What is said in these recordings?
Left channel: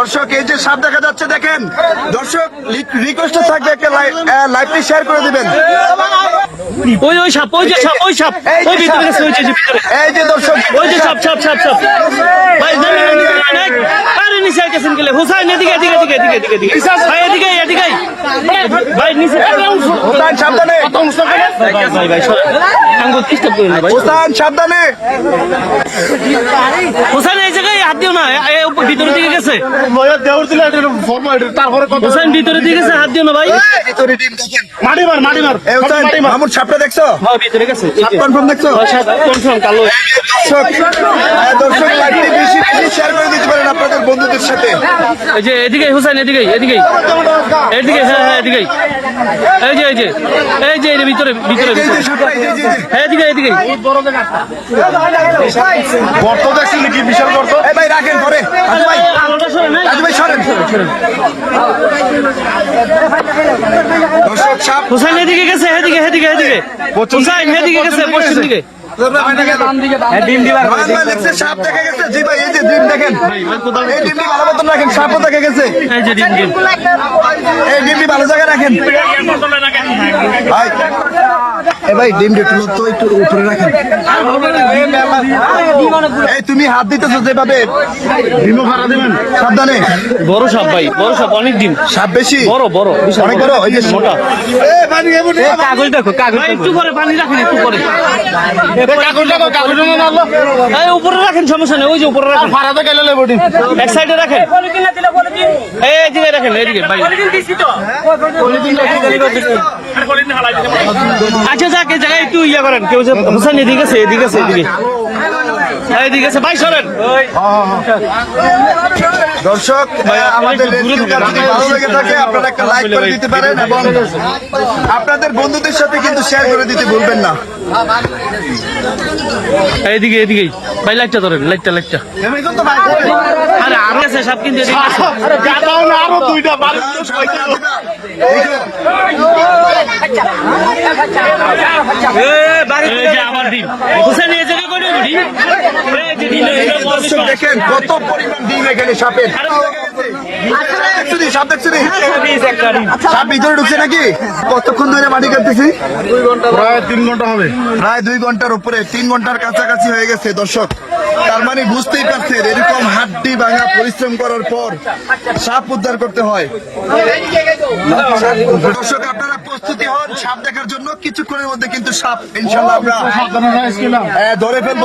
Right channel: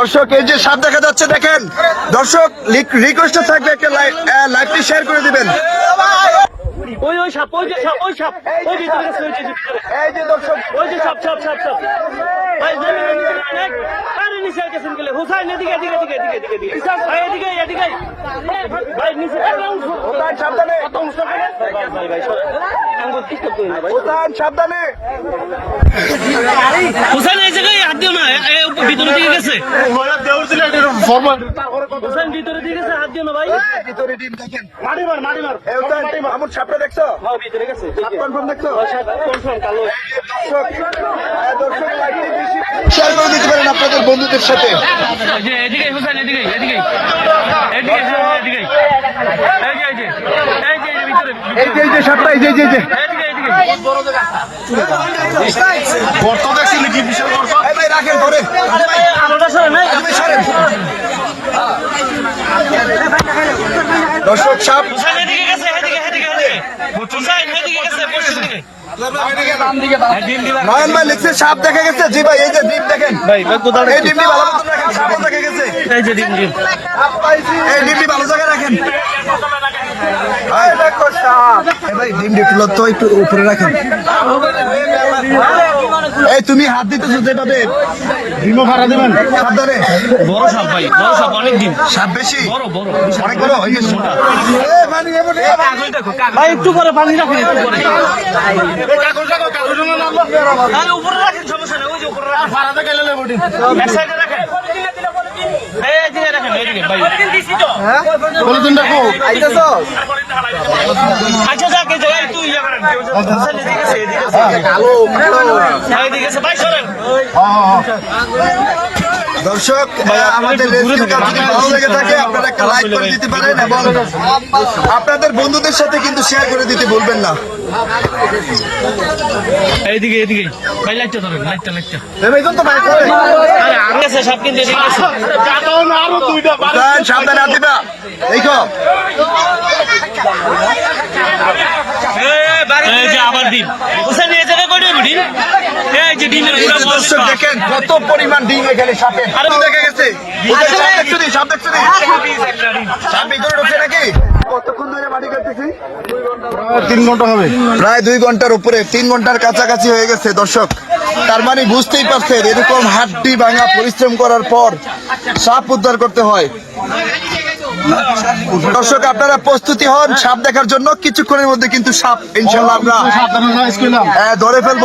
দর্শক, এই যে সাপ দেখা যাচ্ছে, দেখেন। দর্শক রিকোয়েস্ট থাকবে একটা লাইভটি শেয়ার করে দিবেন। ওই ওই সাপ ওই যে সাপ ওই সাপ। ওই ভিতরে গেছে ওই যে যে ভিতরে। এই যে দর্শক। ওই যে সাপ সাপ সাপ সাপ। ভাই আরে নিচে গেছেন গেলে। হুসাইন এদিকে এদিকে এদিকে এদিকে এদিকে এদিকে। ভাই এদিকে এদিকে। ভাই নিচে। হোসেন সাবধানে। ভাই? ভাই আঙ্গুল ডিস্টার্ব করেন ভাই। হোসেন সাবধানে। হুসাইন এই জায়গায় হাত দিও না। ভিতরে দিকে গেছে। দেওয়ার দিলে তারপরে হুসাইন ভিতরে দিকে গেছে হাত দিও না ভাই। ভিতরে টিম দেখেন মারি মার মারি মার। এই হোসেন মামুর সাপটা দেখছ? ভিতরে গেছে। সাপ কনফার্ম দেখছ? দর্শক দর্শক বেশি বেশি শেয়ার করে দিতে পারেন আপনাদের বন্ধুদের সাথে। যে এদিকে হুসাইন এদিকে এদিকে। এদিকে হ্যাঁ হ্যাঁ এদিকে। এই যে এই যে এই যে এর ভিতরে এই ভিতরে যে এই যে সাপটা এই যে এই যে, এই যে। এদিকে এদিকে। গর্ত দেখছিল কি বিশাল গর্ত? এই ভাই রাখেন ধরে আলোটা সরে না ভাই সরেন। দর্শক সাপ। হুসাইন এদিকে গেছে এদিকে। সাপ দেখা গেছে। জি ভাই এই যে ডিম দেখেন। ভাই ভাই কোদাল এই ডিমটি ভালো মতন রাখেন সাপও দেখা গেছে। এই যে ডিম ডিম। এই ডিমটি ভালো জায়গায় রাখেন। ভাই এই ভাই ডিমটি একটু তো একটু উপরে রাখেন। এই তুমি হাত দিতে যেভাবে। ডিমও ভাড়া দেবেন সাবধানে। বড় সাপ ভাই বড় সাপ অনেক ডিম। সাপ বেশি? বড় বড় অনেক বড় মোটা। দেখো ভাই একটু পরে পানি রাখেন একটু পরে ভাই উপরে রাখেন, সমস্যা নেই, ওই যে উপরে রাখেন। এক সাইডে রাখেন। আচ্ছা যাক, এই জায়গায় একটু ইয়া করেন, কেউ যে হুসাইন এদিকে আছে এদিকে আছে, এদিকে। হ্যাঁ এদিকে দর্শক আমাদের ভালো লেগে থাকে আপনারা একটা লাইক করে দিতে পারেন এবং আপনাদের বন্ধুদের সাথে কিন্তু শেয়ার করে দিতে ভুলবেন না। এইদিকে এদিকে ভাই লাইটটা ধরেন লাইটটা লাইটটা তো করে আরে আরও আছে সব কিন্তু এদিকে আছে। আরও দুইটা বাড়ি দাঁড়ান, সামনে না দিবা এই যে আবার ডিম। হুসাইন এই জায়গায় কয়টা ডিম? এই যে ডিমের পুরো দর্শক দেখেন কত পরিমাণ ডিম এখানে সাপের। আরে দেখা গেছে। সাপ দেখছ নি? সাপ দেখছ নি? সাপ ভিতরে ঢুকছে নাকি? কতক্ষণ ধরে মাটি কাটতেছি? প্রায় তিন ঘণ্টা হবে। প্রায় দুই ঘণ্টার উপরে। তিন ঘণ্টার কাছাকাছি হয়ে গেছে দর্শক। তার মানে বুঝতেই পারছেন এরকম হাড্ডি ভাঙা পরিশ্রম করার পর সাপ উদ্ধার করতে হয়। দর্শক, আপনারা প্রস্তুতি হন সাপ দেখার জন্য। কিছুক্ষণের মধ্যে কিন্তু সাপ ইনশাল্লাহ আমরা ধরে ফেলব।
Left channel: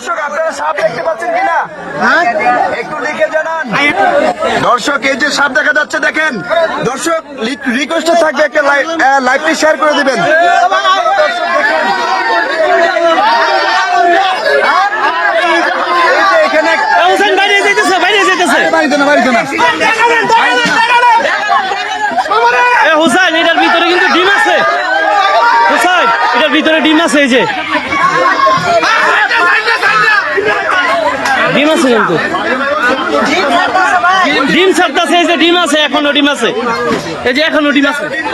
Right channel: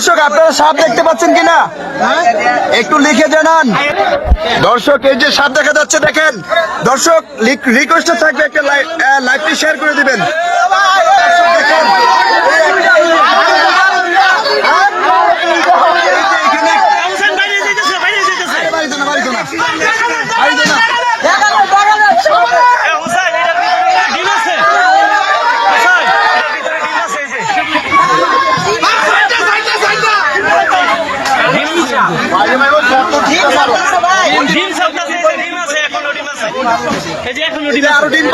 দর্শক, আপনারা সাপ দেখতে পাচ্ছেন কিনা? একটু লিখে জানান। দর্শক, এই যে সাপ দেখা যাচ্ছে, দেখেন। দর্শক রিকোয়েস্ট থাকবে একটা লাইভটি শেয়ার করে দিবেন। আছে? এই যে এখনও ডিম